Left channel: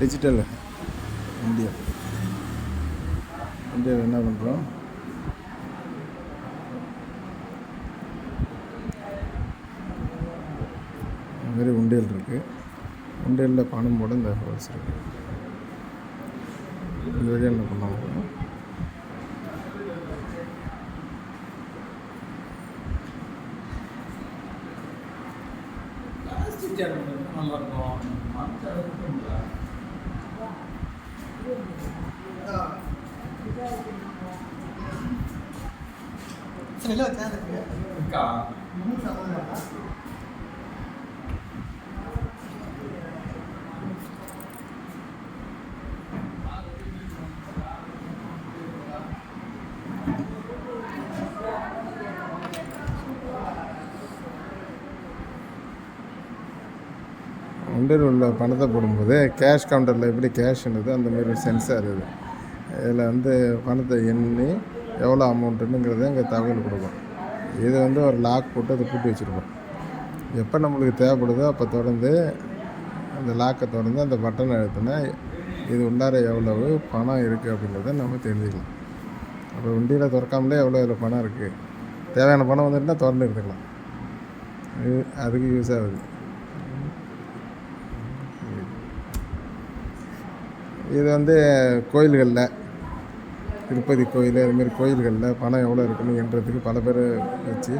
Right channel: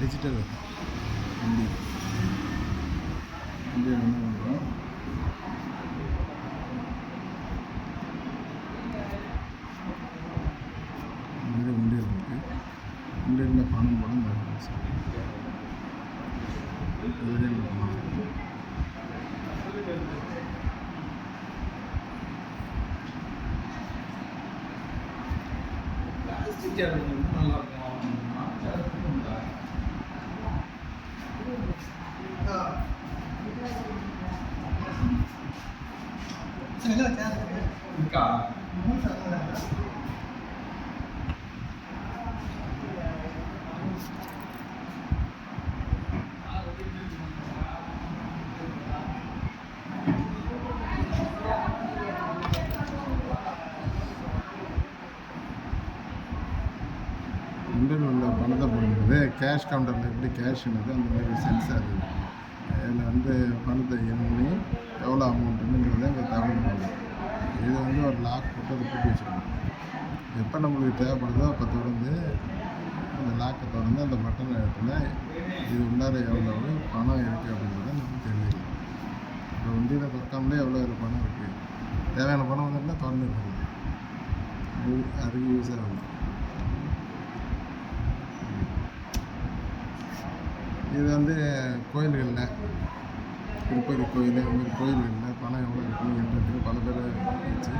Digital India இந்தியாவில் என்ன பண்ணுறோம், இந்த மாதிரி உண்டியல் இருக்குது. உண்டியலில் பணம் போட இந்த ஹோல்ஸ் இருக்குது. இதுவே என்ன பண்ணுவாங்க, உண்டியல் உள்ள பணத்தை போடும்போது கேஷ் கவுண்டரில் எப்படி கேஷ்ன்றது அந்த மாதிரி சென்சார் இது. இதில் வந்து பணத்தை எண்ணி எவ்வளோ அமௌண்ட்டுங்கிறத இங்கே தகவல் கொடுக்கும். இது ஒரு லாக் போட்டு அதை பூட்டி வச்சுருக்கோம். எப்போ நம்மளுக்கு தேவைப்படுதோ அப்போ திறந்து அந்த லாக்கை திறந்து அந்த பட்டனை அழுத்தினா இது உள்ளார எவ்வளவு பணம் இருக்குது அப்படிங்கிறத நம்ம தெரிஞ்சுக்கலாம். அப்போ உண்டியில் திறக்காமலே எவ்வளோ பணம் இருக்குது, தேவையான பணம் வந்துட்டுனா திறந்து எடுத்துக்கலாம். அதுக்கு யூஸ் ஆகுது. இது கோயில்களில், திருப்பதி கோயில் அதுமாரி கோயில்களில் பணம் எவ்வளோ இருக்குன்னு எண்ணுறதுக்கு பல பேர் வச்சு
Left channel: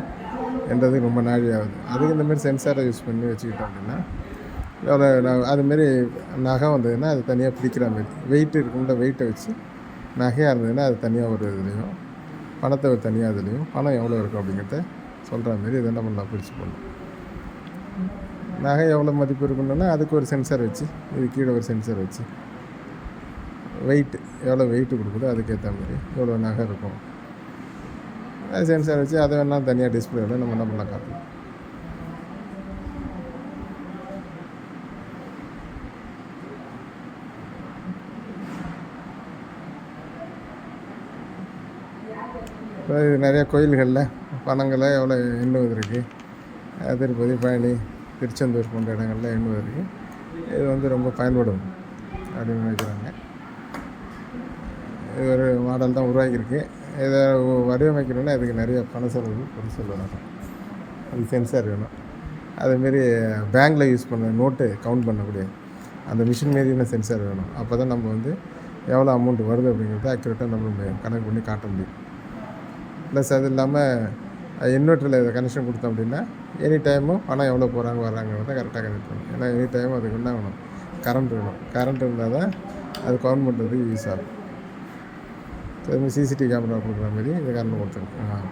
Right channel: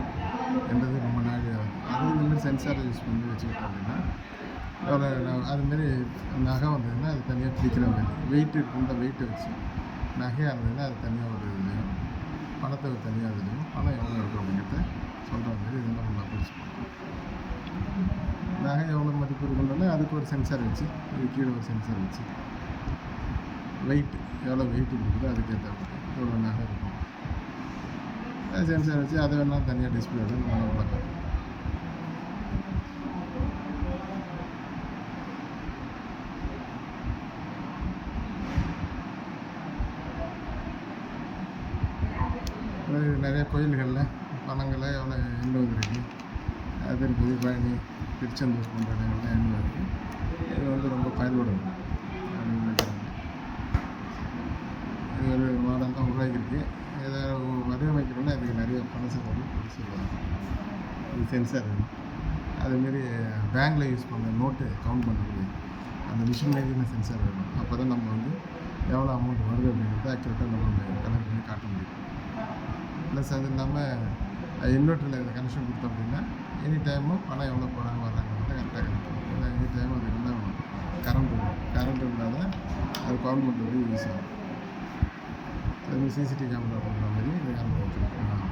எண்ணுறதுக்கு ரொம்ப நாழி ஆகுது. அதுக்கு இந்தமாரி சென்சாரை யூஸ் பண்ணி வச்சுக்கிட்டோம் அப்படின்னா எவ்வளோ அதுமாரி நகை வந்ததுன்னா அது தனியாக பிடிக்கிற மாதிரி வெயிட் இருக்குன்ற வெயிட்டை வச்சு நகையாக இருந்ததுன்னா அது தனியாக ஒரு இதுலேயும், பணத்தை ஒரு தனியாக இதுலேயும் பணம் எவ்வளோ இருக்கும் அப்படிங்கிறத சொல்கிற மாதிரி இது என்ன பண்ணலாம், பிடிச்சி போடலாம். நகை எவ்வளோ மதிப்பு இருக்குன்னா அதுக்கு ஒரு சென்சார் வச்சு, இது கீழே ஒரு சென்சார் வச்சு வெயிட்டு எவ்வளோ வெயிட்டு கொடுக்குதோ அதுக்கேற்ற மாதிரி எவ்வளோ நகை இருக்கும் அது சென்சார் வச்சு அதை வேணால் தனியாக டிஸ்பிளேவில் நம்ம என்ன பண்ணலாம் காட்டலாம். நிறைய கோயில்களில் பணங்களை எவ்வளோ எண்ணுவது இருக்குது. திருப்பதி, பழனி, திருச்செந்தூர் போன்ற இடங்களில் எண்ணுவது இருக்குது. இது ரொம்ப பயன்படும் அப்படின்னு நினைக்கிறாங்க. இது ஒரு மாடல் தான் உருவாக்கியிருக்கு. இதை வடிவமைக்கணும்னா இதுக்கு நிறைய பண செலவு பொருள் வேணும். அது சென்சார் வேணும். அதுமாரி பேங்கில் யூஸ் பண்ண நோட்டு கவுண்ட் பண்ணக்கூடிய அந்த மிஷின் மாரியான சென்சார் வேணும். அப்போ தான் நம்ம எவ்வளோ அமௌண்ட் வருது அப்படிங்கிறத அக்யூரேட்டாக நம்ம கணக்கு பண்ணி காட்ட முடியும். ப்ளஸ் அது இல்லாமல் இன்வெர்ட்டரில் இதை கனெக்ஷன் கொடுத்தோம் அப்படின்னா எனி டைமும் பணம் எவ்வளோ போகிறாங்க வர்றாங்கிறத கரெக்டாக கனெக்ட் பண்ணணும். ஏன்னா எனி டைம் அதுக்கு என்ன வேணும், கரண்ட் வேணும். கரண்ட் இருந்தால் தான் அது கவுண்ட் பண்ணுறதுக்கு யூஸ் ஆகும். சிசிடிவி கேமரா போடுற மாதிரி இந்த கரண்ட் கொடுத்துருக்கோம்.